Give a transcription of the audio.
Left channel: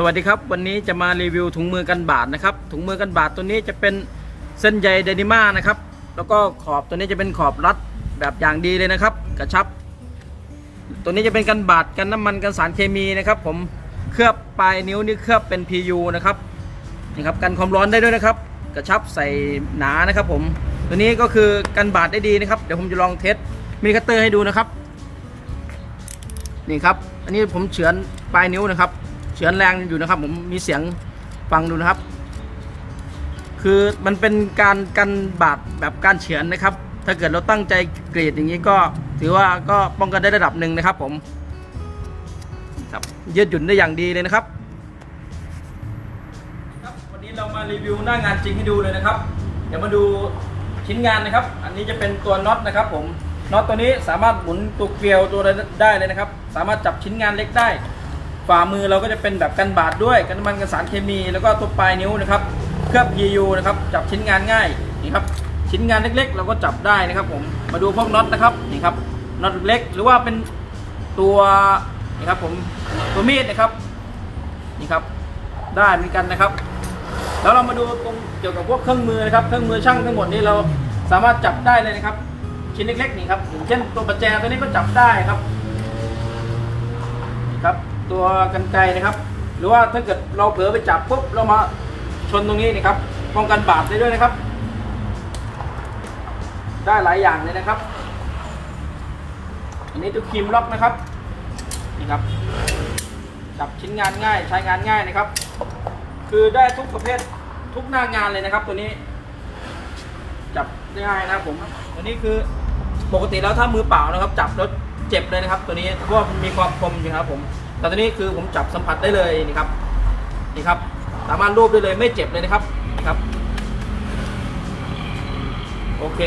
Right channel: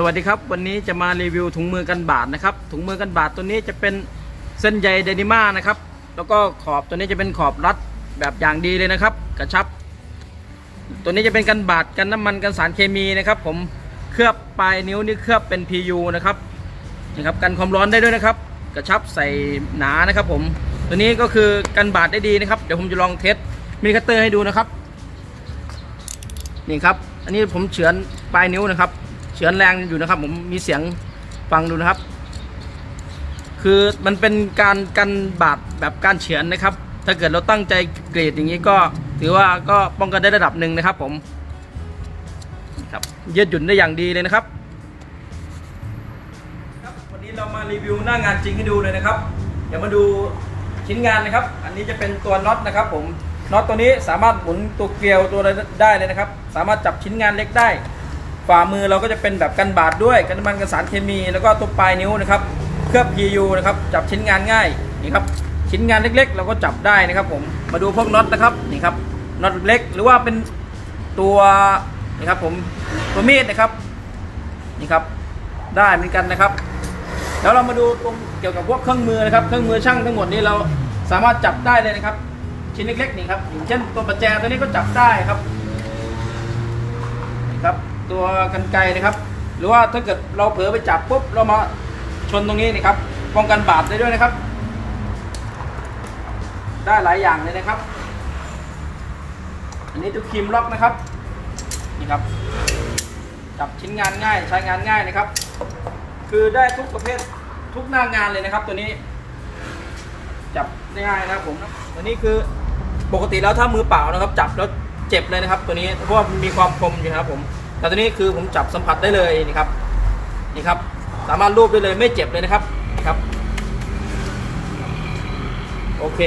สวัสดีครับ วันนี้จะมารีวิวถุงมือกันบาดนะครับ ถุงมือกันบาดตัวนี้จะเป็นเส้นใยเดนิม่านะครับ แล้วก็ขอบตัวนี้จะเป็นขอบรัดแบบอย่างดีเลยนะครับ กระชับ ตัวนี้จะเป็นกันบาดกันน้ำมันกันสารเคมีนะครับ ผมเคลือบปลายนิ้วนี่เคลือบเป็น PU นะครับนะครับกันความร้อนได้ด้วยนะครับ กระชับใส่หนานะครับ ผมตัวนี้ก็คือกันบาดได้ดีนะครับเดี๋ยวผมจะลองเทสมีคัตเตอร์ให้ดูนะครับนี่ครับ อันนี้ผมเฉือนปลายนิ้วนะครับ เฉือนแรงอยู่นะครับ ผมมีเสียงฟังดูนะครับ คือมันเป็นการกันบาดแบบการเฉือนนะครับ ถ้าเกิดเราตั้งใจกรีดอย่างนี้ก็ถือว่าก็ป้องกันได้ระดับหนึ่งนะครับ ผมครับยืดหยุ่นได้อย่างดีเลยนะครับครับวันนี้เรามารีวิวหน้างานจริงให้ดูเลยนะครับ เดี๋ยวมาดูชิ้นงานนะครับ อันนี้จะเป็นตัวน็อตนะครับ ผมน็อตตัวนี้สามารถหมุนตัวเกลียวตัวได้เลยนะครับ สามารถจับชิ้นงานเล็กได้ ฝ่ามือเราก็จะเป็นแบบกันบาดด้วยกันน้ำมันกันสารเคมี แล้วก็ตัวปลายนิ้วนะครับเคลือบ PU นะครับจับชิ้นงานง่ายนี่ครับชิ้นงานเล็กๆ เราก็จับได้นะครับผมมาดูพวกน็อตนะครับนี่ครับน็อตเล็กหรือว่าเป็นตัวนี่ครับผมตัวมีดนะครับนี่ครับได้เหมือนกันนะครับแล้วเรามาดูตรงเกี่ยวกับพวกเครื่องมือนะครับเครื่องมือช่างทั้งหมดนี้เราสามารถจับได้เลยนะครับ ชิ้นเล็กๆนี่ครับอย่างเช่นตัวประแจตัวนี้ก็จับได้ครับนี่ครับ ตัวกันไกนะครับ หรือว่าถ้าเกิดเราเผลอไปจับปุ๊บเรามาชนตรงนี้นี่ครับป้องกันบาดได้ด้วยนะครับ ได้หลายอย่างเลยนะครับ อันนี้ตัวครีมล็อกนะครับนี่ครับจับชิ้นงานง่ายใช้งานง่ายนะครับ คือได้ทุกประเภททุกหน้างานเลยนะครับ ตัวนี้ จับได้ง่ายนะครับผมตัวนี้คือปกติแล้วถ้ามือเปล่านะครับ จับแล้วเจ็บเลยนะครับ ตัวนี้เพราะว่ามันมีความคมอยู่นะครับผม แต่ตัวนี้คือผมจับสัมผัสได้เลยนี่ครับนี่ครับ สามารถรูปได้เลยไม่เจ็บเลยนะครับนี่ครับ โอเค